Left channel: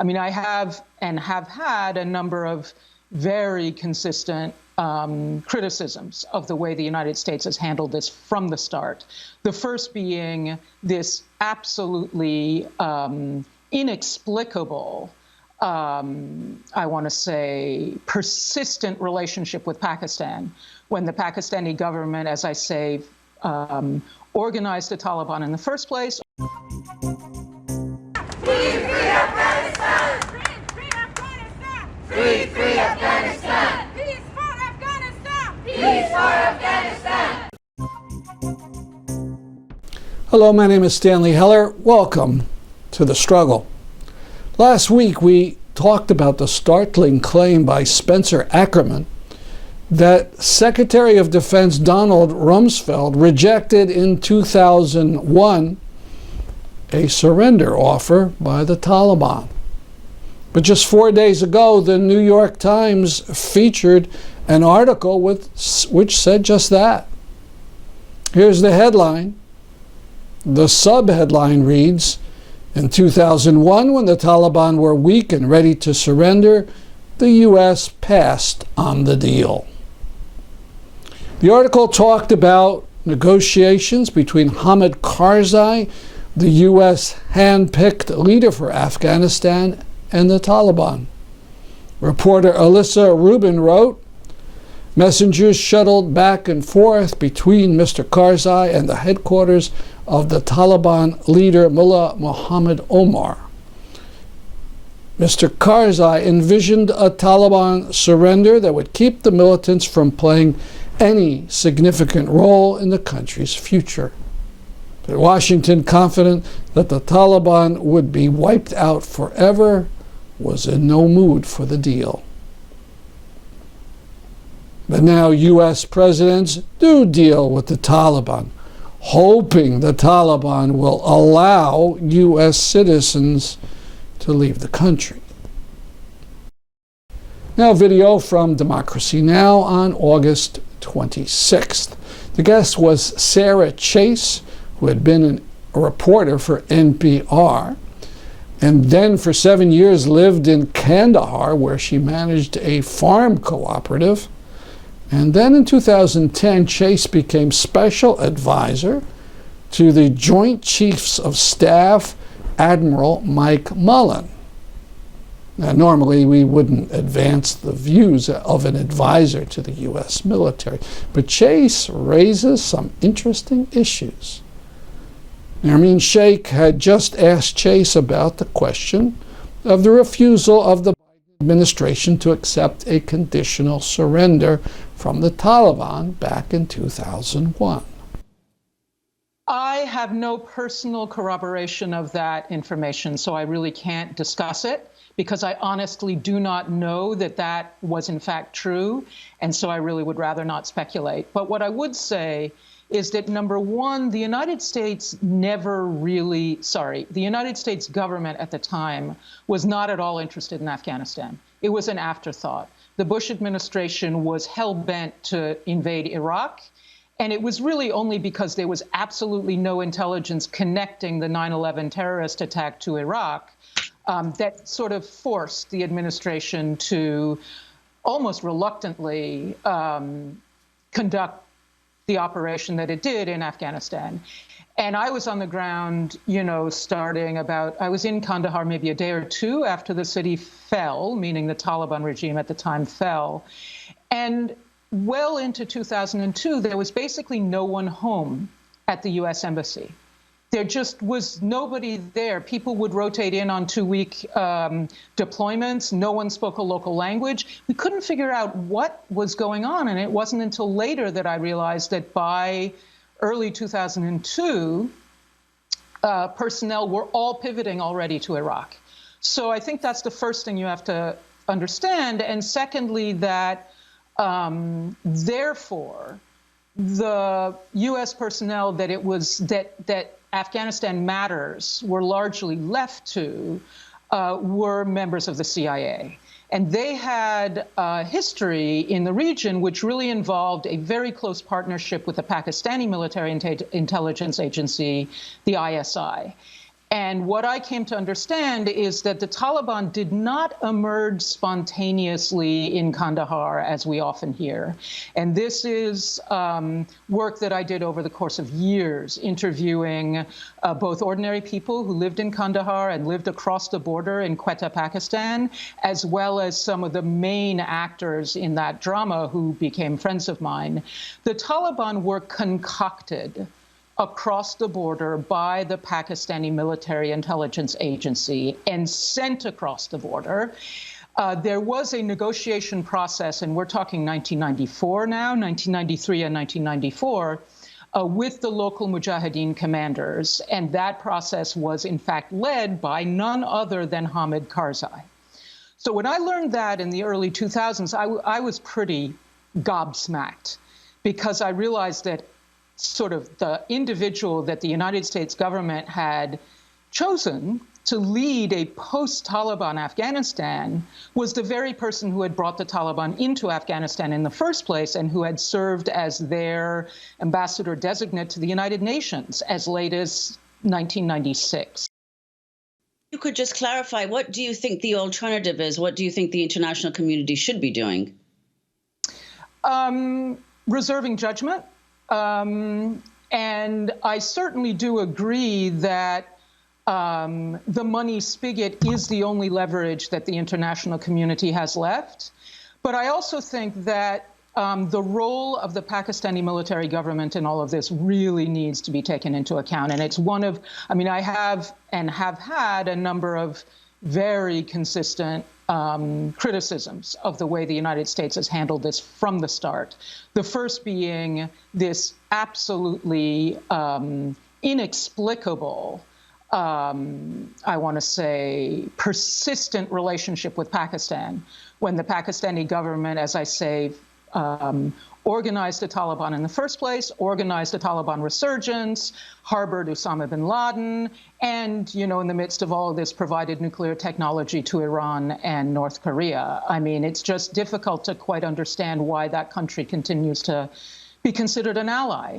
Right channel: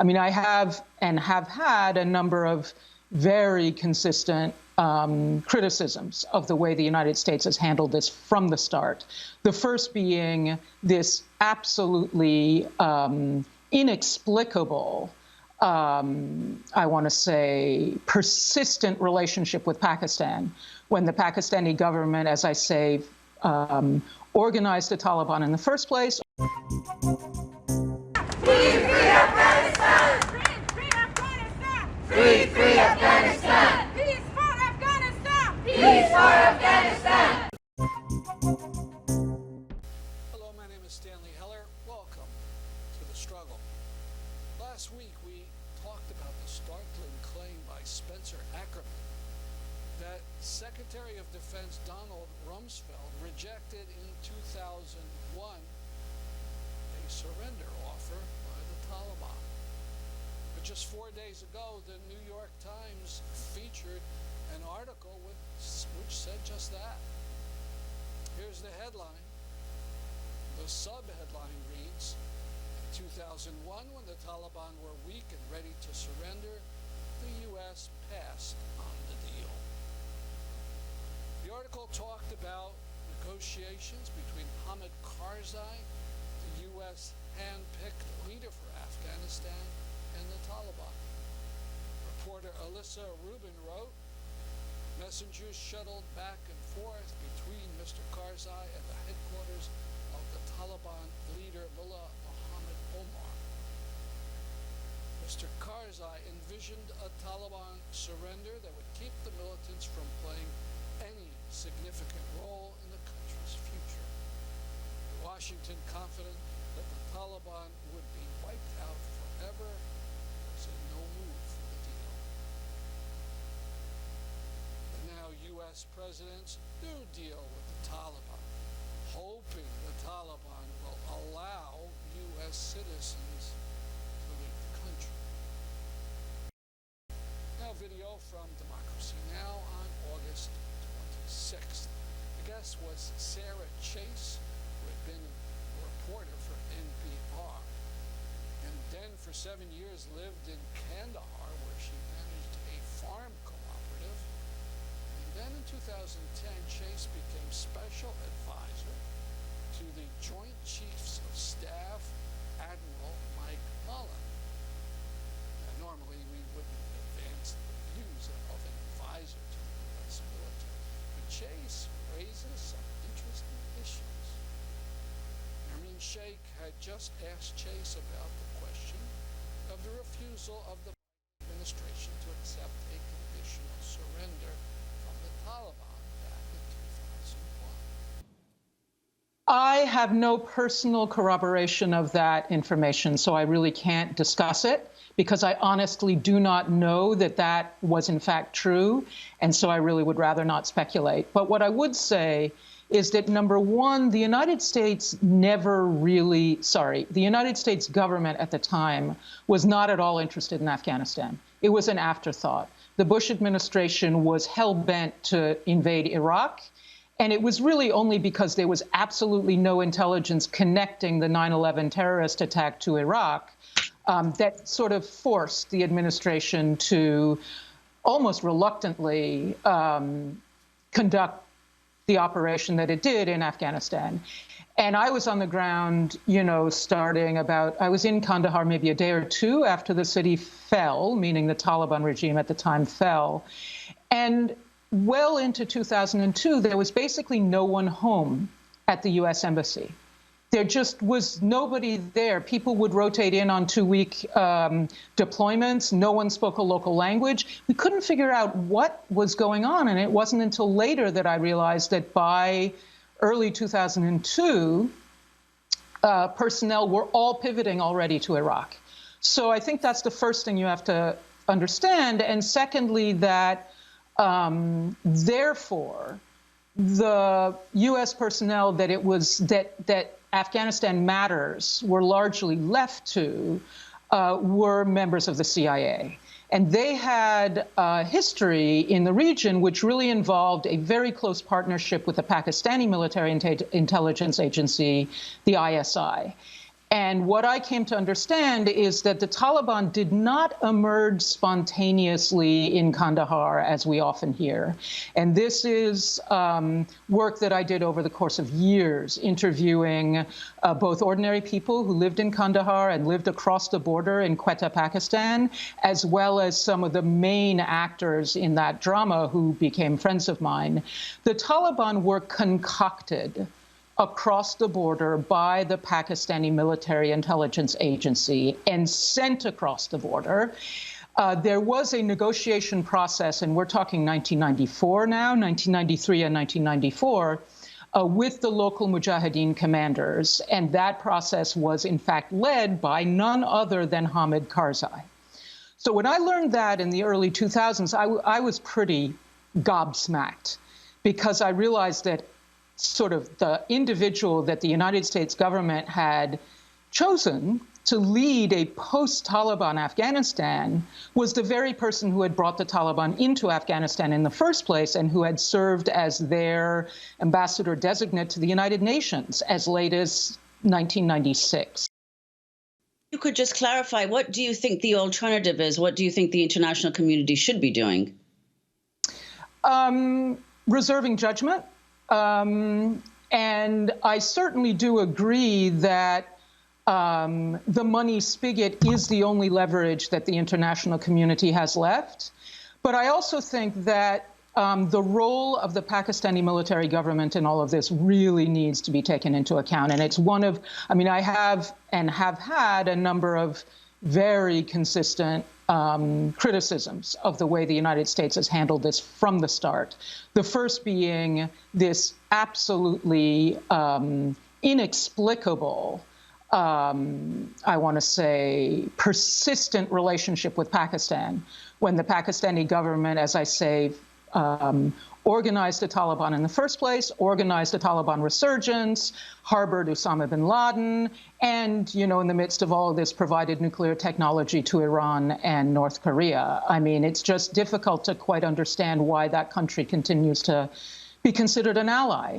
I mean, I have had a number of very consistent criticisms of the way the United States has handled this from the start. The first being this absolutely inexplicable, I want to say, persistent relationship with Pakistan, when the Pakistani government, as I say, organized the Taliban in the first place. Free Afghanistan! Free Afghanistan! Peace for Afghanistan! Peace for Afghanistan! Hello, my name is Stanley Heller. Welcome to The Struggle. Last week we talked about the startling claim by Spencer Ackerman that Secretary of Defense Donald Rumsfeld rejected in 2001 a surrender offer by the Taliban. But just 4 days ago, the New York Times featured an article which said just that. Here's the headline. The sub-headline reads, in 2001, when the Taliban were weak and ready to surrender, the U.S. passed on the deal. The article talked about negotiations between Hamid Karzai, the U.S. hand-picked leader for Afghanistan, and the Taliban. Reporter Alyssa Rubin wrote, messengers shuttled back and forth between Mr. Karzai and the headquarters of the Taliban leader Mullah Muhammad Omar. Mr. Karzai envisioned a Taliban surrender that would keep the militants from playing any significant role in the country's future. But Washington, confident that the Taliban would be wiped out forever, was in no mood for the deal. But now U.S. presidents do deal with the Taliban, hoping the Taliban will allow U.S. citizens to leave the country. Now, video from Democracy Now! On August 26th. The guest was Sarah Chayes, who had been a reporter for NPR, and then for 7 years lived in Kandahar, where she managed a farm cooperative. And then in 2010, Chayes became special advisor to the Joint Chiefs of Staff, Admiral Mike Mullen. Now, normally we wouldn't advance the views of an advisor to the U.S. military, but Chayes raises some interesting issues. Nermeen Sheikh had just asked Chayes about the question of the refusal of the Biden administration to accept a conditional surrender from the Taliban back in 2001. I have no personal corroboration of that information, so I really can't discuss it, because I honestly do not know that that was in fact true, and so I really would rather not speculate. But what I would say is that, number one, the United States the United States government at the time was not at all interested in Afghanistan. It was an afterthought. The Bush administration was hell-bent to invade Iraq, and it was really only because there was absolutely no intelligence connecting the 9/11 terrorist attack to Iraq that sort of forced the administration to almost reluctantly conduct the operation that it did in Afghanistan. And I was on the ground, I was in Kandahar maybe a day or two after the city fell, meaning the Taliban regime at the time fell. And well into 2002, there was basically no one home at the U.S. Embassy. There just was nobody there. People would rotate in on 2-week deployments. No one spoke a local language. We couldn't figure out what was going on. And it wasn't until later that I realized that by early 2002, personnel were all pivoting already to Iraq. So I think that's the first thing you have to understand. And secondly, that therefore, the U.S. personnel that Afghanistan matters were largely left to were members of the CIA. And they had a history in the region which really involved a very close partnership with the Pakistani military intelligence agency, the ISI. And what I came to understand is that the Taliban did not emerge spontaneously in Kandahar, as we often hear. And this is work that I did over the course of years, interviewing both ordinary people who lived in Kandahar and lived across the border in Quetta, Pakistan, as well as some of the main actors in that drama who became friends of mine. The Taliban were concocted across the border by the Pakistani military intelligence agency and sent across the border. There was a negotiation process, and we're talking 1994 now, 1993 and 1994, with the local Mujahideen commanders. And that process was, in fact, led by none other than Hamid Karzai. So when I learned that in the early 2000s, I was pretty gobsmacked, because I realized that sort of the individual that the United States government had chosen to lead a post-Taliban Afghanistan was the very person who had brought the Taliban into Afghanistan in the first place and who had served as their ambassador designate to the United Nations as late as 1996. You could just clarify, what do you think the alternative is? What do you think the international community should be doing? Reserving judgment. And I certainly do agree that the money spigot is the only leverage that the international community has left. But I also think that the role of the Pakistani military government in all of this really needs to be taken into account. And it's one of, I mean, I have had a number of very consistent criticisms of the way the United States has handled this from the start. The first being this absolutely inexplicable, I want to say, persistent relationship with Pakistan, when the Pakistani government, as I say, organized the Taliban in the first place, organized a Taliban resurgence, harbored Osama bin Laden, and, you know, in the midst of all of this, provided nuclear technology to Iran and North Korea. I mean, it's just difficult to quite understand why that country continues to be considered an ally.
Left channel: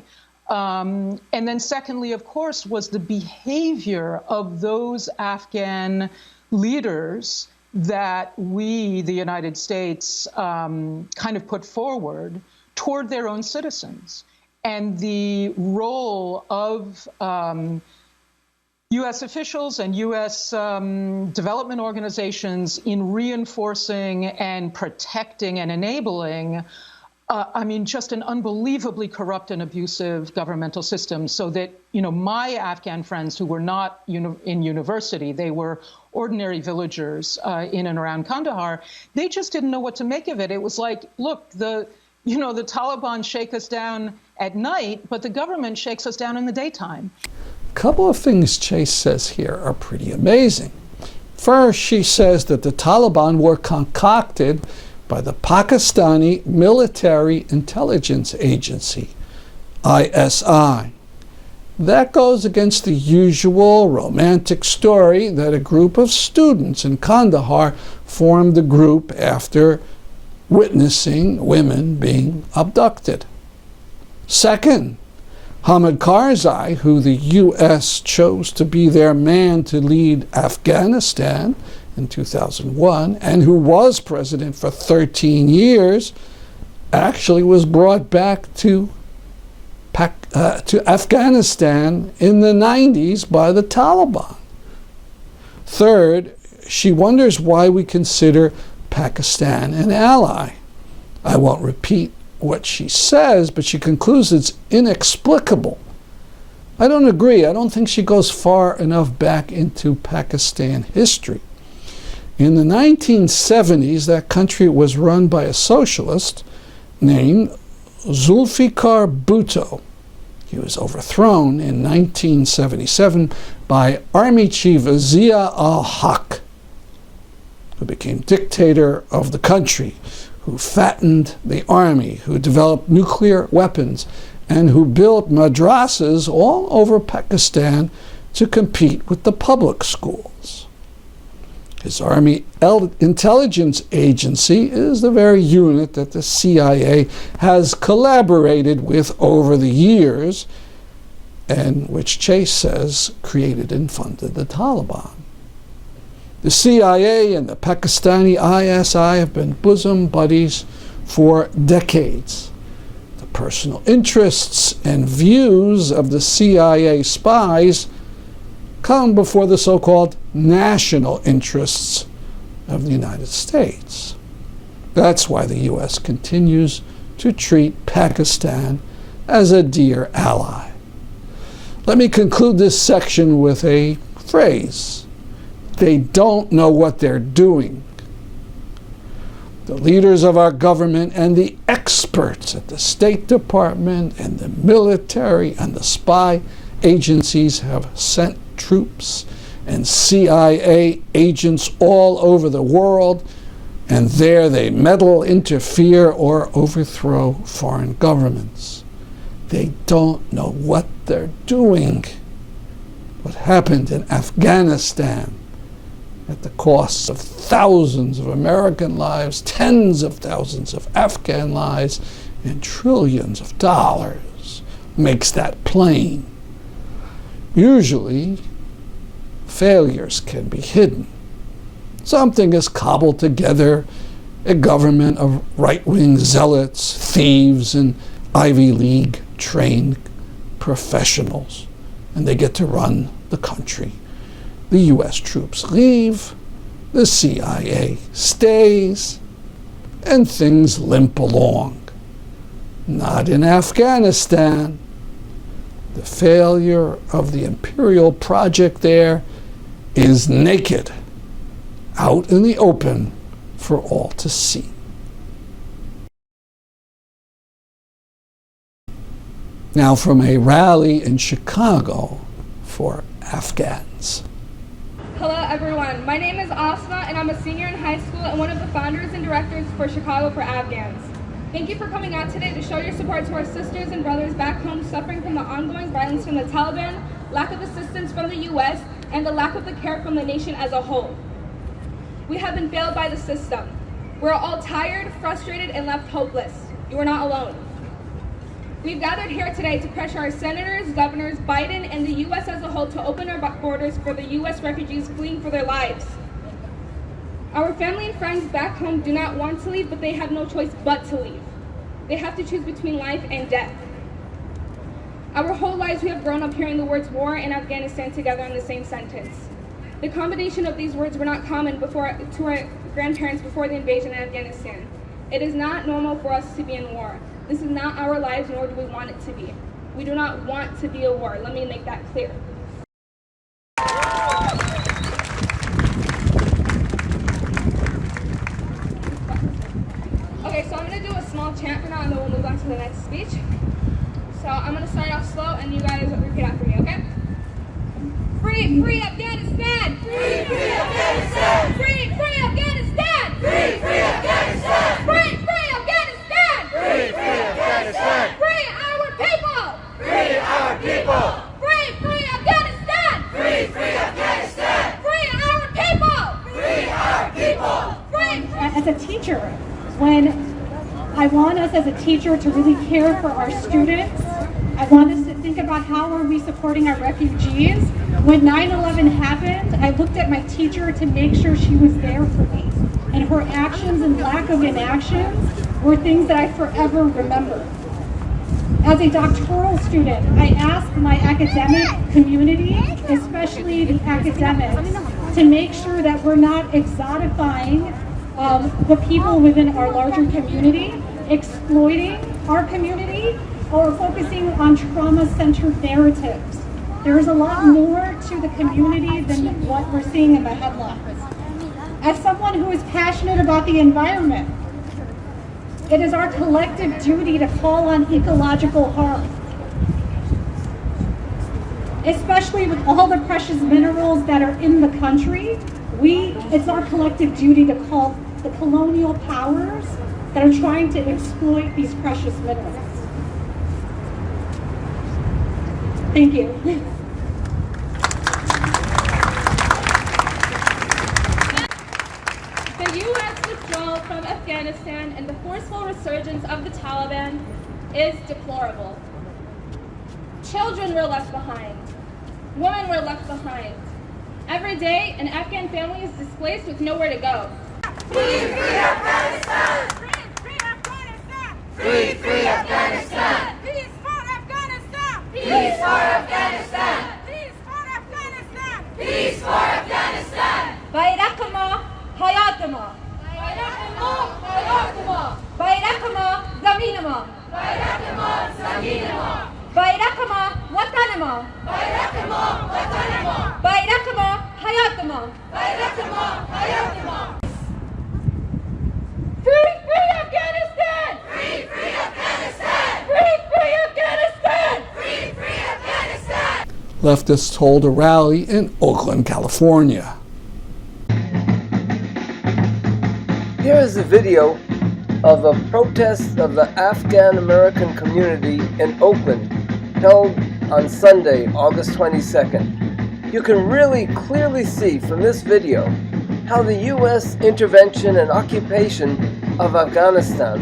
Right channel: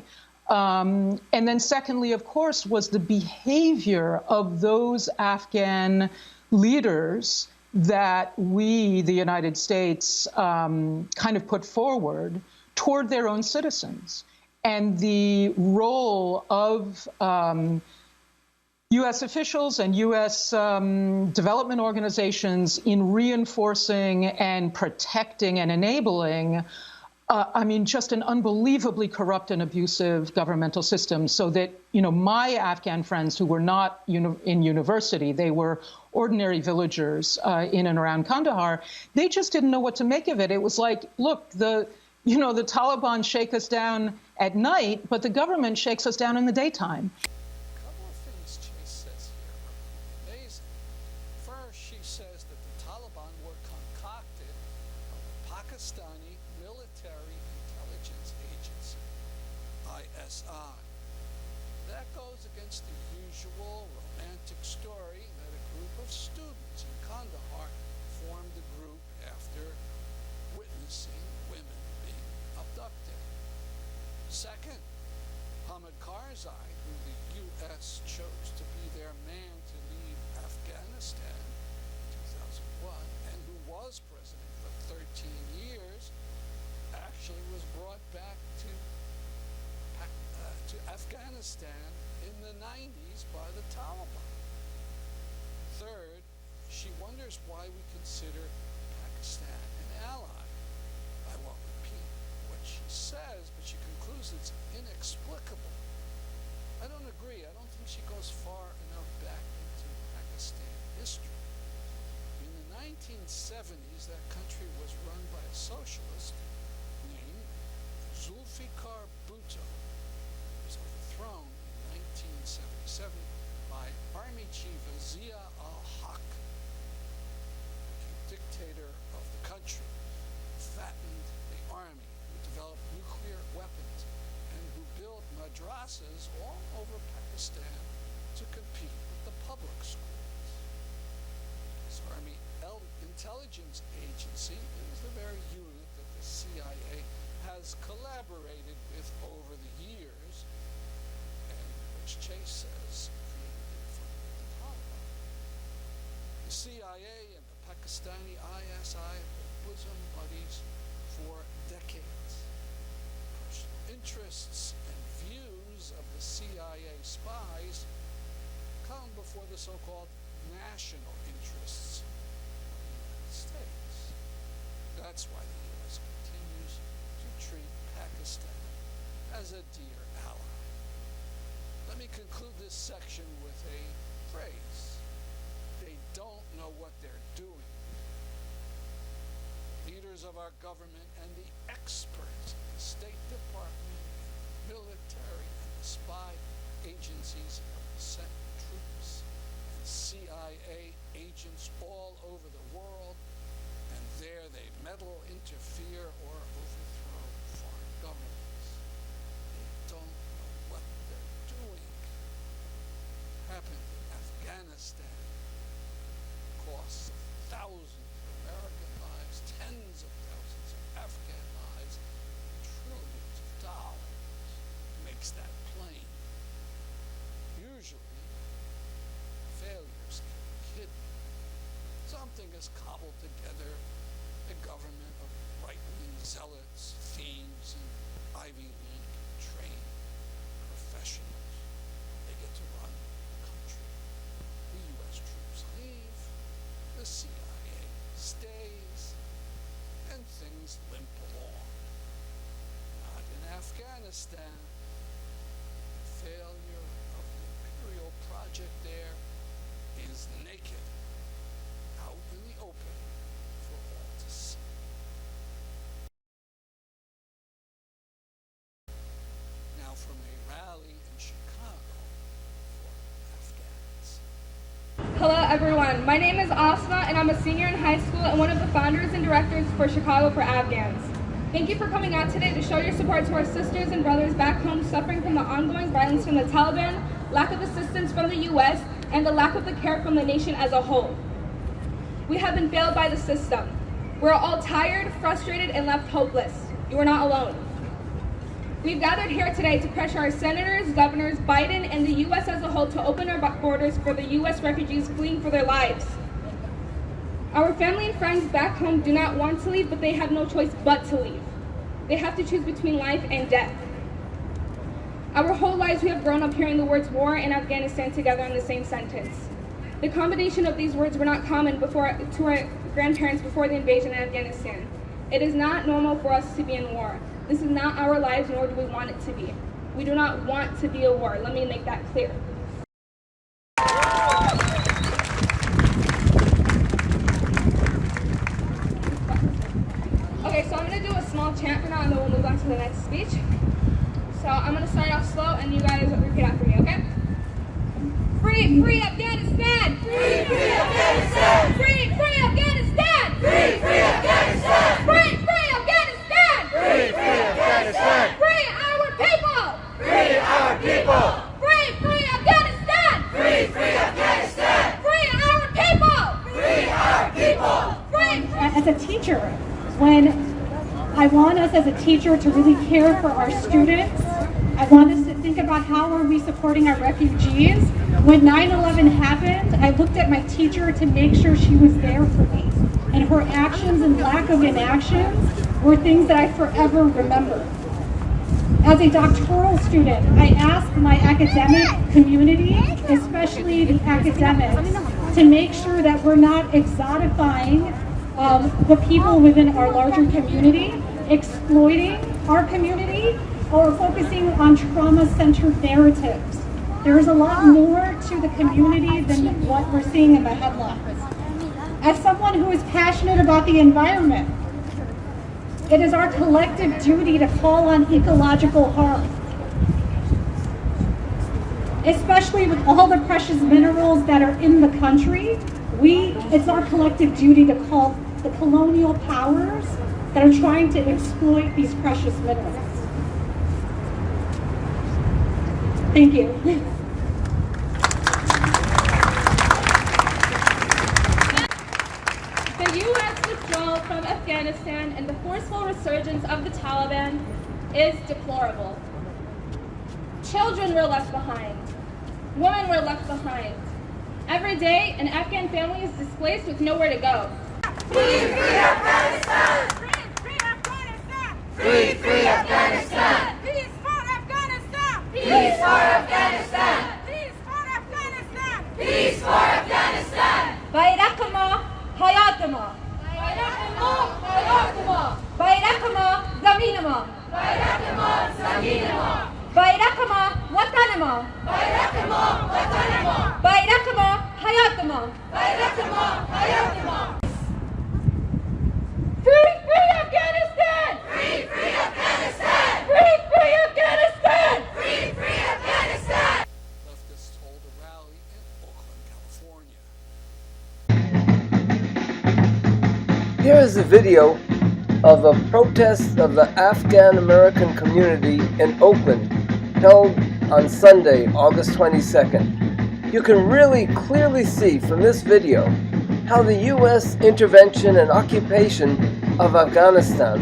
And then secondly, of course, was the behavior of those Afghan leaders that we, the United States, kind of put forward toward their own citizens. And the role of U.S. officials and U.S. development organizations in reinforcing and protecting and enabling, I mean, just an unbelievably corrupt and abusive governmental system, so that, you know, my Afghan friends who were not in university, they were ordinary villagers in and around Kandahar, they just didn't know what to make of it. It was like, look, the Taliban shake us down at night, but the government shakes us down in the daytime. A couple of things Chayes says here are pretty amazing. First, she says that the Taliban were concocted by the Pakistani Military Intelligence Agency, ISI. That goes against the usual romantic story that a group of students in Kandahar formed the group after witnessing women being abducted. Second, Hamid Karzai, who the U.S. chose to be their man to lead Afghanistan in 2001, and who was president for 13 years, actually was brought back to Afghanistan in the 90s by the Taliban. Third, she wonders why we consider Pakistan an ally. I won't repeat what she says, but she concludes it's inexplicable. I don't agree. I don't think she goes far enough back into Pakistan history. In the 1970s, that country was run by a socialist named Zulfikar Bhutto. He was overthrown in 1977 by Army Chief Zia al-Haq, who became dictator of the country, who fattened the army, who developed nuclear weapons, and who built madrasas all over Pakistan to compete with the public schools. His Army Intelligence Agency is the very unit that the CIA has collaborated with over the years and which Chase says created and funded the Taliban. The CIA and the Pakistani ISI have been bosom buddies for decades. The personal interests and views of the CIA spies come before the so-called national interests of the United States. That's why the U.S. continues to treat Pakistan as a dear ally. Let me conclude this section with a phrase. They don't know what they're doing. The leaders of our government and the experts at the State Department and the military and the spy agencies have sent troops and CIA agents all over the world, and there they meddle, interfere, or overthrow foreign governments. They don't know what they're doing. What happened in Afghanistan at the cost of thousands of American lives, tens of thousands of Afghan lives, and trillions of dollars makes that plain. Usually, failures can be hidden. Something is cobbled together, a government of right-wing zealots, thieves, and Ivy League trained professionals, and they get to run the country. The U.S. troops leave, the CIA stays, and things limp along. Not in Afghanistan. The failure of the imperial project there is naked, out in the open for all to see. Now from a rally in Chicago for Afghans. Hello everyone, my name is Asma and I'm a senior in high school and one of the founders and directors for Chicago for Afghans. Thank you for coming out today to show your support to our sisters and brothers back home suffering from the ongoing violence from the Taliban, lack of assistance from the U.S., and the lack of the care from the nation as a whole. We have been failed by the system. We're all tired, frustrated, and left hopeless. You are not alone. We've gathered here today to pressure our senators, governors, Biden, and the U.S. as a whole to open our borders for the U.S. refugees fleeing for their lives. Our family and friends back home do not want to leave, but they have no choice but to leave. They have to choose between life and death. Our whole lives we have grown up hearing the words war and Afghanistan together in the same sentence. The combination of these words were not common to our grandparents before the invasion of Afghanistan. It is not normal for us to be in war. This is not our lives, nor do we want it to be. We do not want to be a war. Let me make that clear. Okay, so I'm going to do a small chant for now, and then we'll move on to the next speech. So I'm going to start off slow, and you guys repeat after me, okay? Free, free Afghanistan! Free, free Afghanistan! Free, free Afghanistan! Free, free Afghanistan! Free, free Afghanistan! Free, free Afghanistan! Free our people! Free our people! Free, free Afghanistan! Free, free Afghanistan! Free our people! Free our people! Free. As a teacher, when I want us as a teacher to really care for our students, I want us to think about how are we supporting our refugees. When 9/11 happened, I looked at my teacher to make sure she was there for me. And her actions and lack of inactions were things that I forever remember. As a doctoral student, I asked my academic community, especially the academics, to make sure that we're not exotifying the people within our larger community, exploiting our community, or focusing on trauma-centered narratives. There is a lot more to the community than what we're seeing in the headlines. As someone who is passionate about the environment, it is our collective duty to call on ecological harm. Especially with all the precious minerals that are in the country, it's our collective duty to call the colonial powers that are trying to exploit these precious minerals. Thank you. The U.S. withdrawal from Afghanistan and the forceful resurgence of the Taliban is deplorable. Children were left behind. Women were left behind. Every day, an Afghan family is displaced with nowhere to go. Free, free Afghanistan! Free, free Afghanistan! Free, free Afghanistan! Peace for Afghanistan! Peace for Afghanistan! Peace for Afghanistan! Peace for Afghanistan! bayrak ma, hayat ma. Bayrak ma, hayat ma. bayrak ma, zamin ma. Bayrak ma, zamin ma. bayrak ma, watan ma. Bayrak ma, watan ma. bayrak ma, hayat ma. Bayrak ma, hayat ma. Free, free Afghanistan! Free, free Afghanistan! Free, free Afghanistan! Free, free Afghanistan! Leftists hold a rally in Oakland, California. Here is a video of a protest of the Afghan American community in Oakland held on Sunday, August 22nd. You can really clearly see from this video how the U.S. intervention and occupation of Afghanistan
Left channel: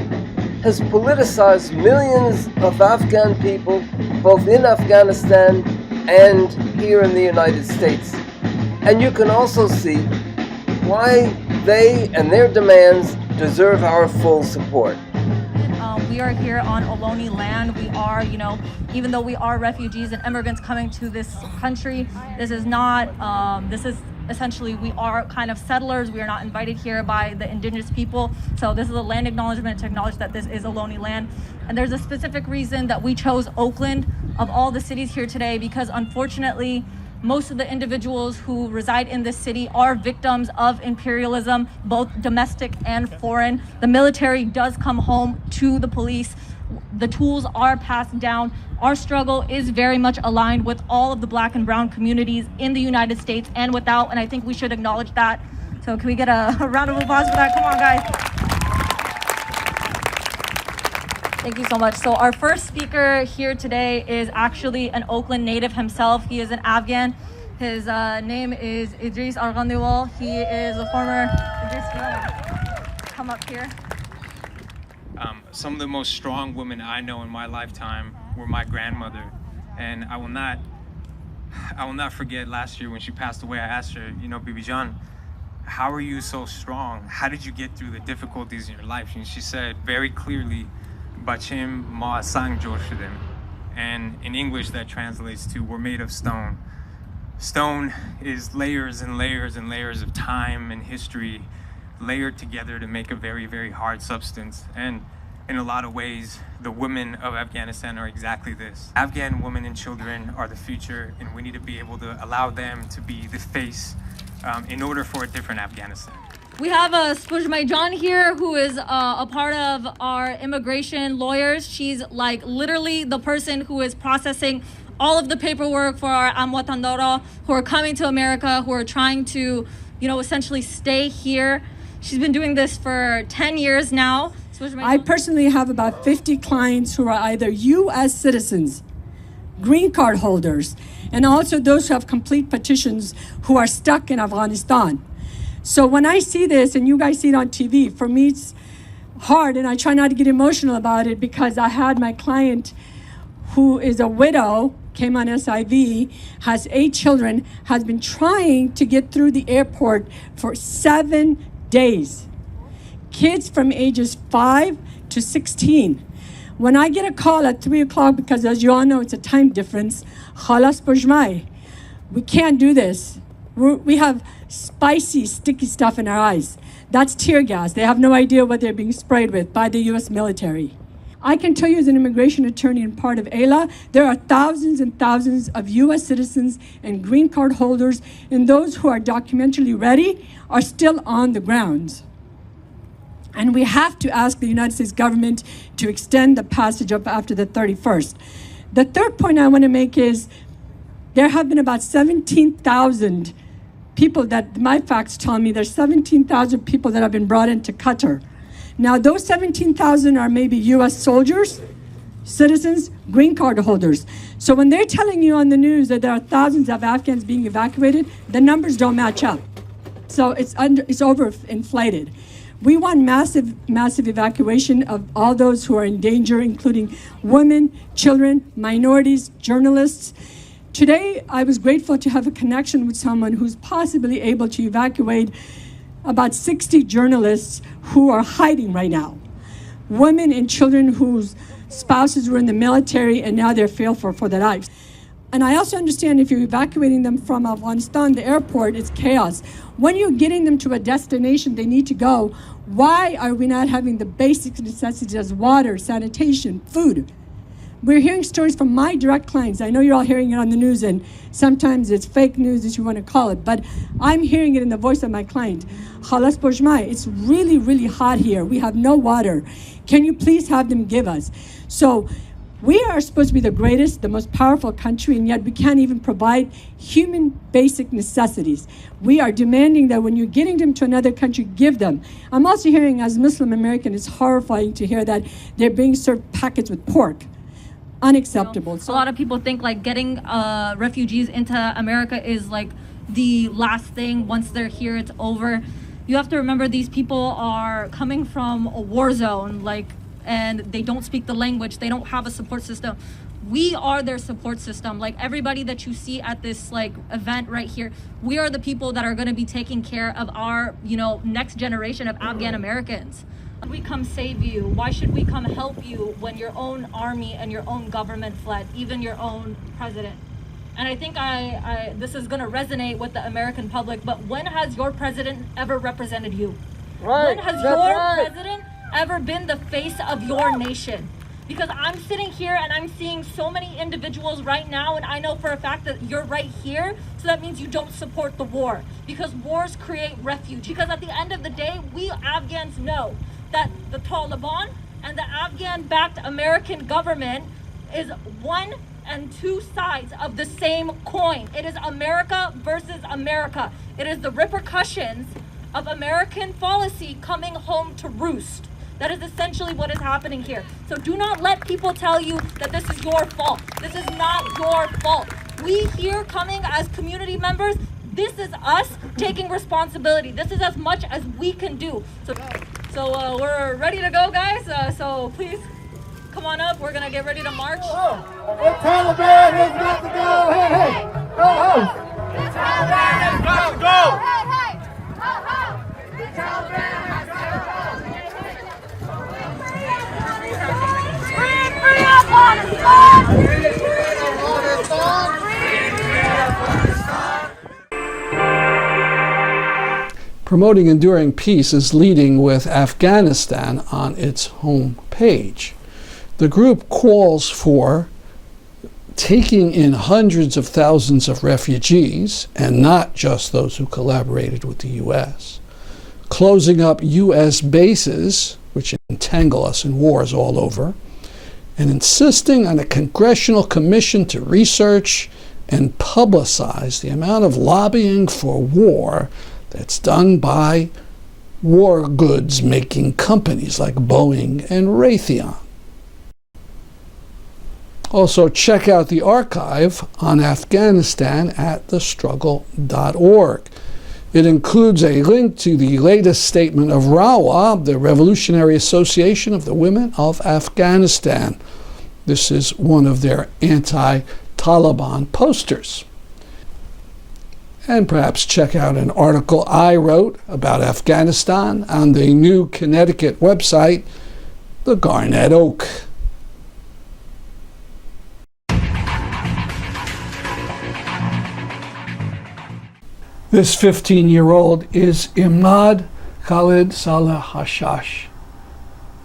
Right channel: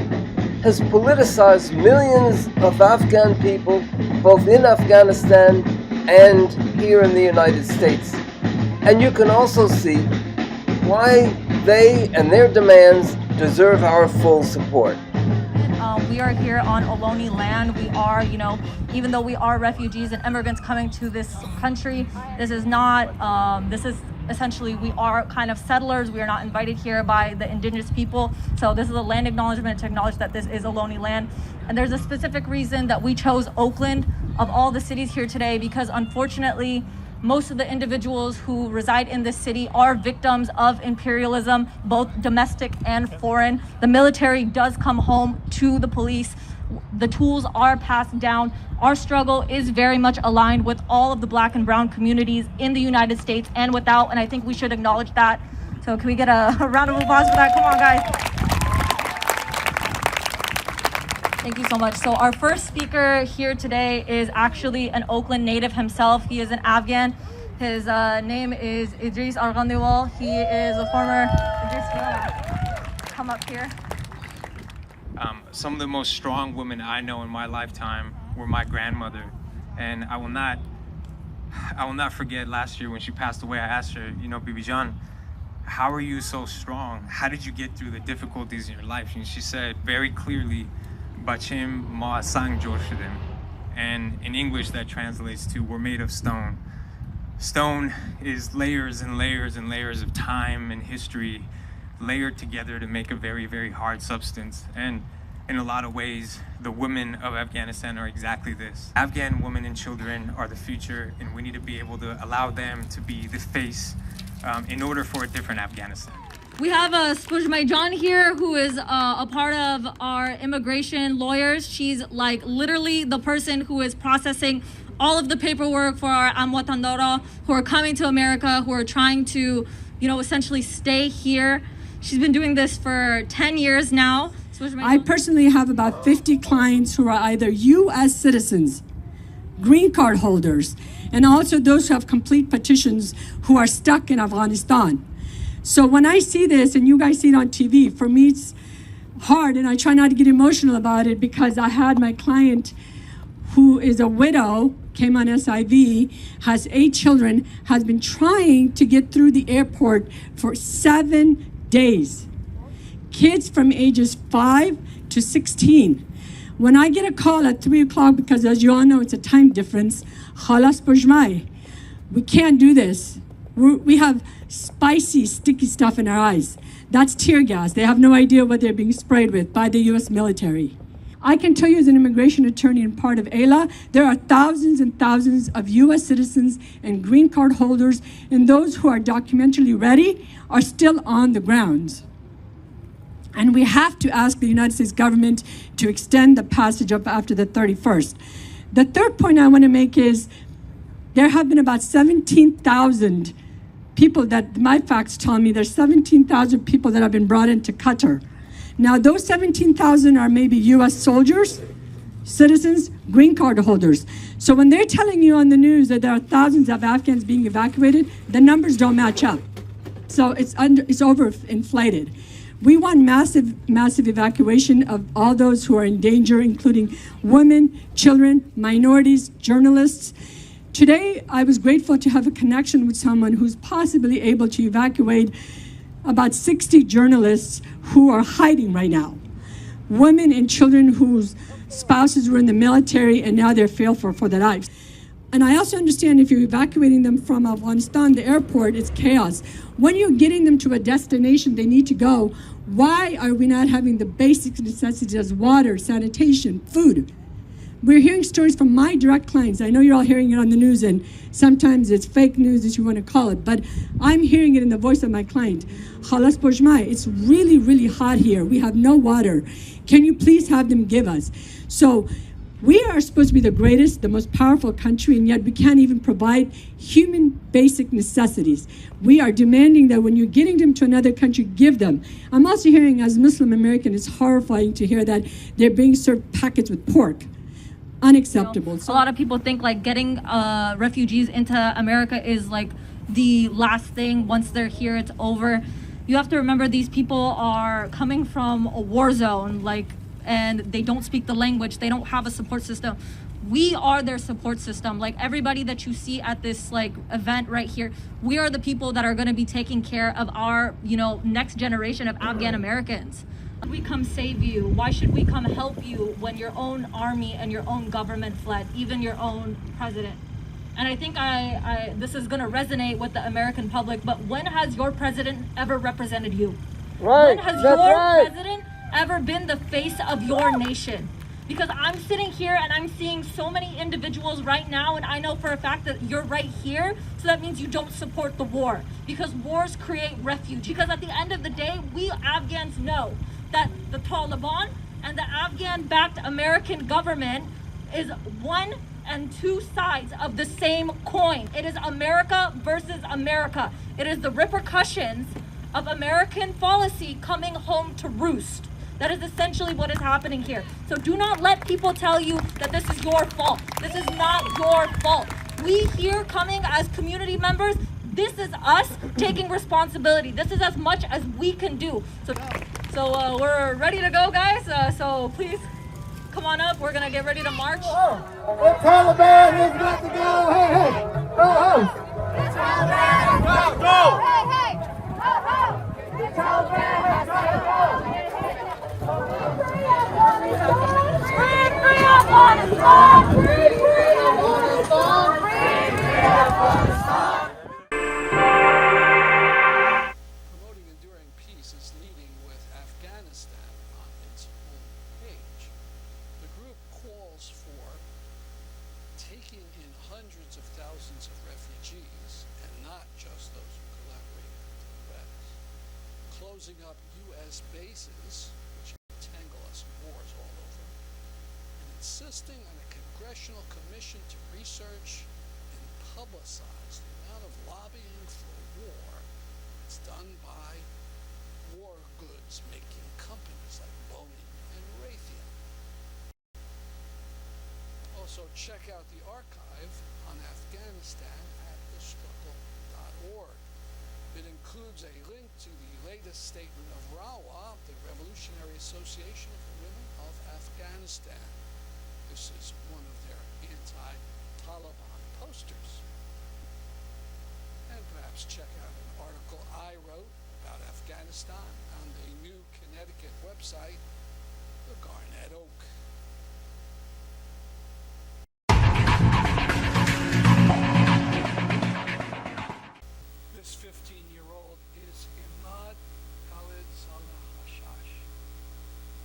has politicized millions of Afghan people, both in Afghanistan and here in the United States. And you can also see why they and their demands deserve our full support. We are here on Ohlone land. We are, even though we are refugees and immigrants coming to this country, this is not, this is essentially, we are kind of settlers. We are not invited here by the indigenous people. So this is a land acknowledgement to acknowledge that this is Ohlone land. And there's a specific reason that we chose Oakland of all the cities here today, because unfortunately, most of the individuals who reside in this city are victims of imperialism, both domestic and foreign. The military does come home to the police. The tools are passed down. Our struggle is very much aligned with all of the Black and brown communities in the United States and without, and I think we should acknowledge that. So can we get a round of applause for that? Come on, guys. Thank you so much. So our first speaker here today is actually an Oakland native himself. He is an Afghan. His name is Idris Arghandiwal. He is a former... Idris, do you want to come up here? Some of the most strong women I know in my lifetime were my grandmother. And I will not forget last year when she passed away. I asked her, Bibi Jan, how are you so strong? How did you get through the difficulties in your life? And she said very clearly, Bachim ma sang jor shudem. And in English that translates to we're made of stone. Stone is layers and layers and layers of time and history layered together to make a very, very hard substance. And in a lot of ways, the women of Afghanistan are exactly this. Afghan women and children are the future, and we need to be able to allow them to be the face in order for a different Afghanistan. We have Spujmai John here, who is a part of our immigration lawyers. She's like literally the person who is processing all of the paperwork for our Amwatandara who are coming to America, who are trying to, essentially stay here. She's been doing this for 10 years now. I personally have about 50 clients who are either U.S. citizens, green card holders, and also those who have complete petitions who are stuck in Afghanistan. So when I see this, and you guys see it on TV, for me it's hard, and I try not to get emotional about it because I had my client who is a widow, came on SIV, has 8 children, has been trying to get through the airport for 7 days. Kids from ages 5 to 16. When I get a call at 3 o'clock, because as you all know, it's a time difference, khalas pujmai, we can't do this. We have spicy, sticky stuff in our eyes. That's tear gas. They have no idea what they're being sprayed with by the US military. I can tell you as an immigration attorney and part of AILA, there are thousands and thousands of US citizens and green card holders, and those who are documentarily ready are still on the ground. And we have to ask the United States government to extend the passage up after the 31st. The third point I want to make is there have been about 17,000 people that my facts tell me there's 17,000 people that have been brought into Qatar. Now those 17,000 are maybe US soldiers, citizens, green card holders. So when they're telling you on the news that there are thousands of Afghans being evacuated, the numbers don't match up. So it's overinflated. We want massive evacuation of all those who are in danger, including women, children, minorities, journalists. Today, I was grateful to have a connection with someone who's possibly able to evacuate about 60 journalists who are hiding right now. Women and children whose spouses were in the military and now they're fearful for their lives. And I also understand if you're evacuating them from Afghanistan, the airport, it's chaos. When you're getting them to a destination they need to go, why are we not having the basic necessities as water, sanitation, food? We're hearing stories from my direct clients. I know you're all hearing it on the news, and sometimes it's fake news, as you want to call it, but I'm hearing it in the voice of my client. Khalas Bojmai, it's really, really hot here. We have no water. Can you please have them give us? So we are supposed to be the greatest, the most powerful country, and yet we can't even provide human basic necessities. We are demanding that when you're getting them to another country, give them. I'm also hearing, as Muslim American, it's horrifying to hear that they're being served packets with pork. Unacceptable. A lot of people think like getting refugees into America is like the last thing. Once they're here, it's over. You have to remember these people are coming from a war zone, and they don't speak the language. They don't have a support system. We are their support system. Like everybody that you see at this event right here, we are the people that are going to be taking care of our, next generation of Afghan Americans. We come save you? Why should we come help you when your own army and your own government fled, even your own president? And I think this is going to resonate with the American public, but when has your president ever represented you? Right. When has your president ever been the face of your nation? Because I'm sitting here and I'm seeing so many individuals right now, and I know for a fact that you're right here, so that means you don't support the war, because wars create refuge. Because at the end of the day, we Afghans know that the Taliban and the Afghan-backed American government is one and two sides of the same coin. It is America versus America. It is the repercussions of American policy coming home to roost. That is essentially what is happening here. So do not let people tell you that this is your fault. This is not your fault. We here coming as community members, this is us taking responsibility. This is as much as we can do. So we're ready to go, guys. So please come on up. We're gonna get ready to march. The Taliban has got to go. Hey, hey. Go. The Taliban has got to go. Hey, hey. The Taliban has got to go. Free Afghanistan. Free Afghanistan. Free Afghanistan. Promoting enduring peace is leading with Afghanistan on its home page. The group calls for taking in hundreds of thousands of refugees, and not just those who collaborated with the U.S., closing up U.S. bases, which entangle us in wars all over, and insisting on a congressional commission to research and publicize the amount of lobbying for war that's done by war goods making companies like Boeing and Raytheon. Also, check out the archive on Afghanistan at thestruggle.org. It includes a link to the latest statement of RAWA, the Revolutionary Association of the Women of Afghanistan. This is one of their anti-Taliban posters. And perhaps check out an article I wrote about Afghanistan on the new Connecticut website, The Garnet Oak. This 15-year-old is Imad Khaled Saleh Hashash.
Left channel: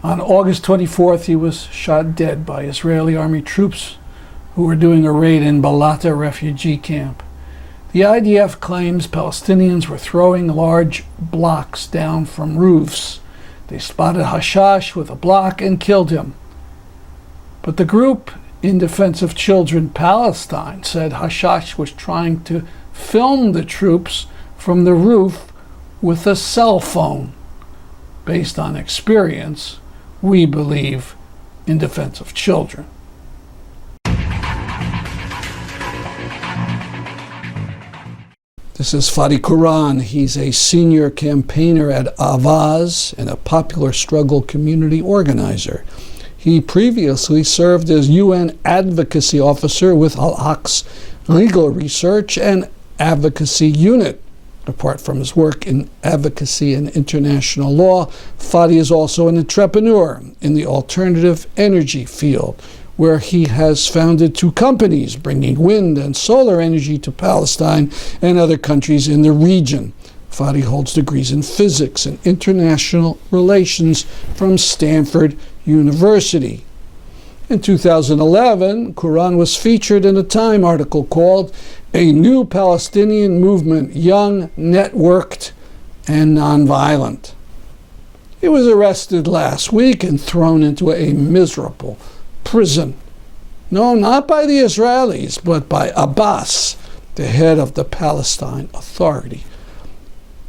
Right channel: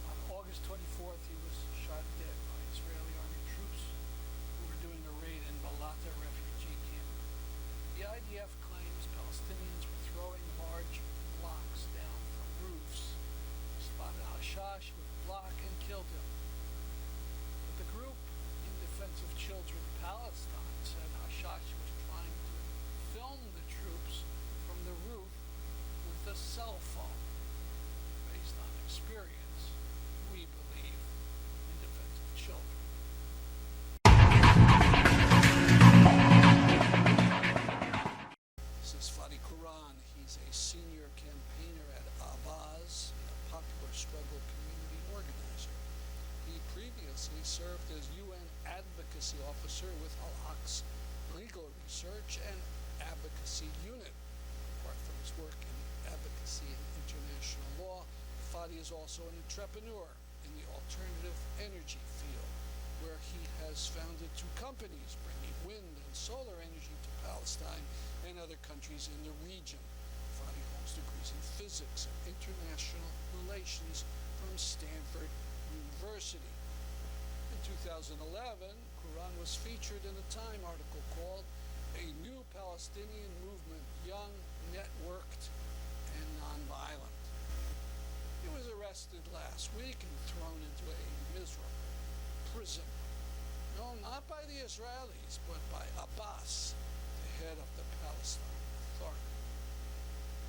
On August 24th, he was shot dead by Israeli army troops who were doing a raid in Balata refugee camp. The IDF claims Palestinians were throwing large blocks down from roofs. They spotted Hashash with a block and killed him. But the group In Defense of Children Palestine said Hashash was trying to film the troops from the roof with a cell phone. Based on experience, we believe In Defense of Children. This is Fadi Quran. He's a senior campaigner at Avaz and a popular struggle community organizer. He previously served as UN advocacy officer with Al-Aq's legal research and advocacy unit. Apart from his work in advocacy and international law, Fadi is also an entrepreneur in the alternative energy field, where he has founded 2 companies bringing wind and solar energy to Palestine and other countries in the region. Fadi holds degrees in physics and international relations from Stanford University. In 2011, Quran was featured in a Time article called "A New Palestinian Movement, Young, Networked, and Nonviolent." He was arrested last week and thrown into a miserable prison. No, not by the Israelis, but by Abbas, the head of the Palestinian Authority,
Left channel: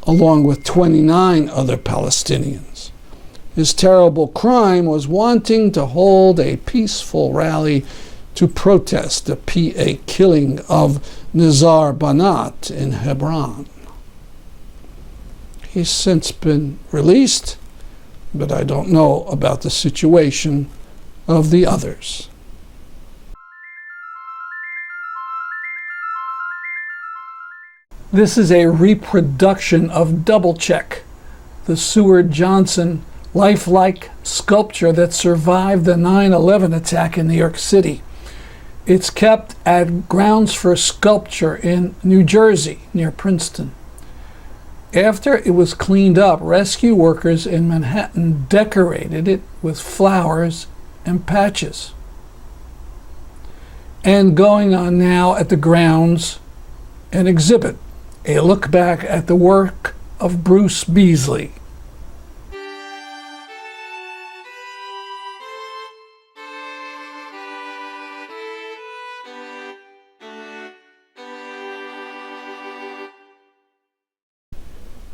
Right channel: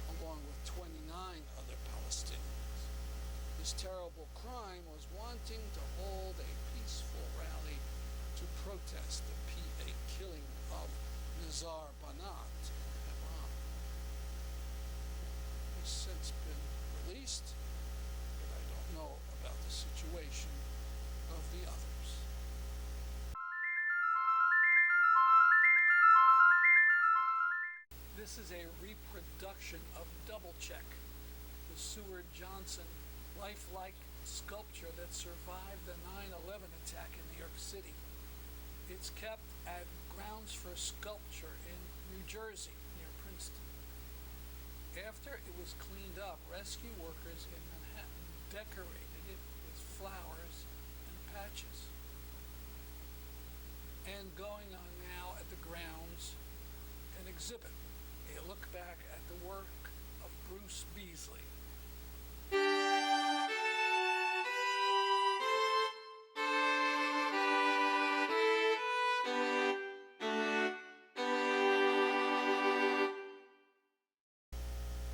along with 29 other Palestinians. His terrible crime was wanting to hold a peaceful rally to protest the PA killing of Nizar Banat in Hebron. He's since been released, but I don't know about the situation of the others. This is a reproduction of Doublecheck, the Seward Johnson lifelike sculpture that survived the 9/11 attack in New York City. It's kept at Grounds for Sculpture in New Jersey, near Princeton. After it was cleaned up, rescue workers in Manhattan decorated it with flowers and patches. And going on now at the grounds, an exhibit, a look back at the work of Bruce Beasley.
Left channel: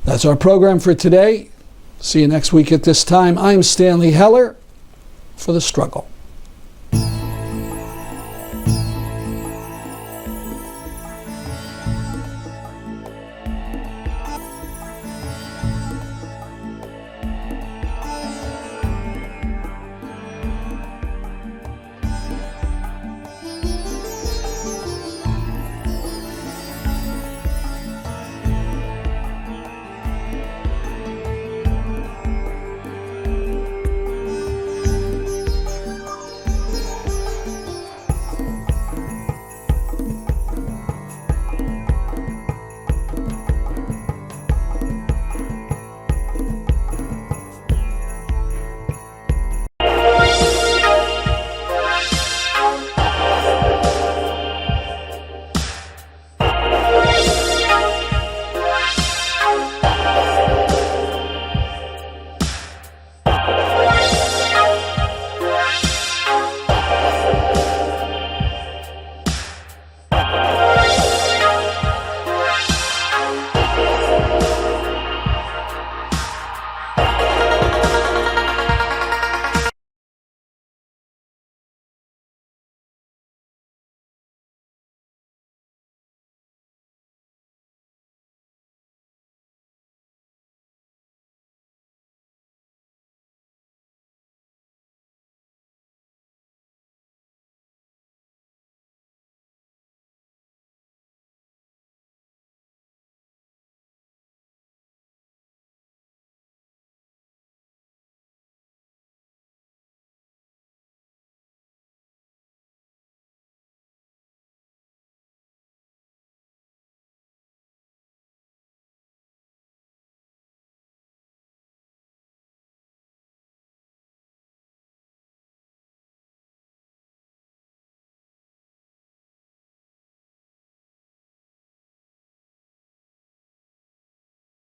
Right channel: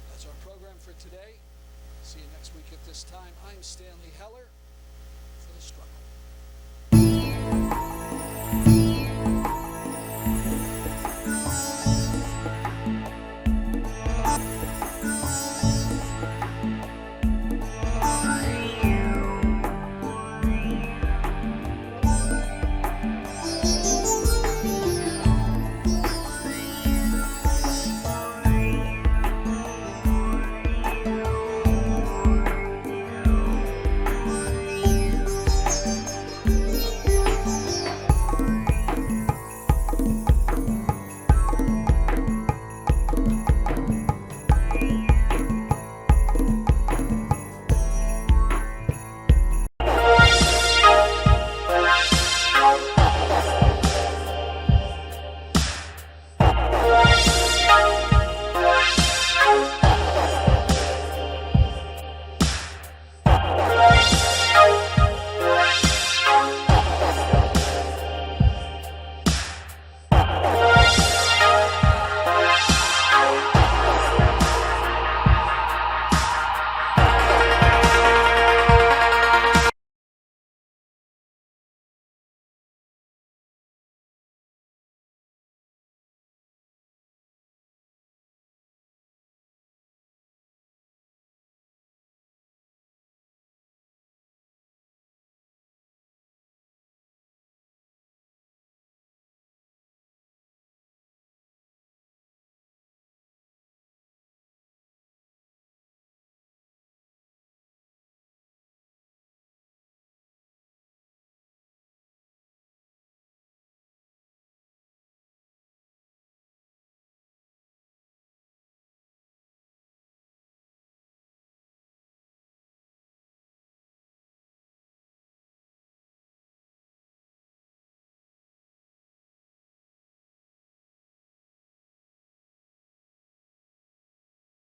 That's our program for today. See you next week at this time. I'm Stanley Heller for The Struggle.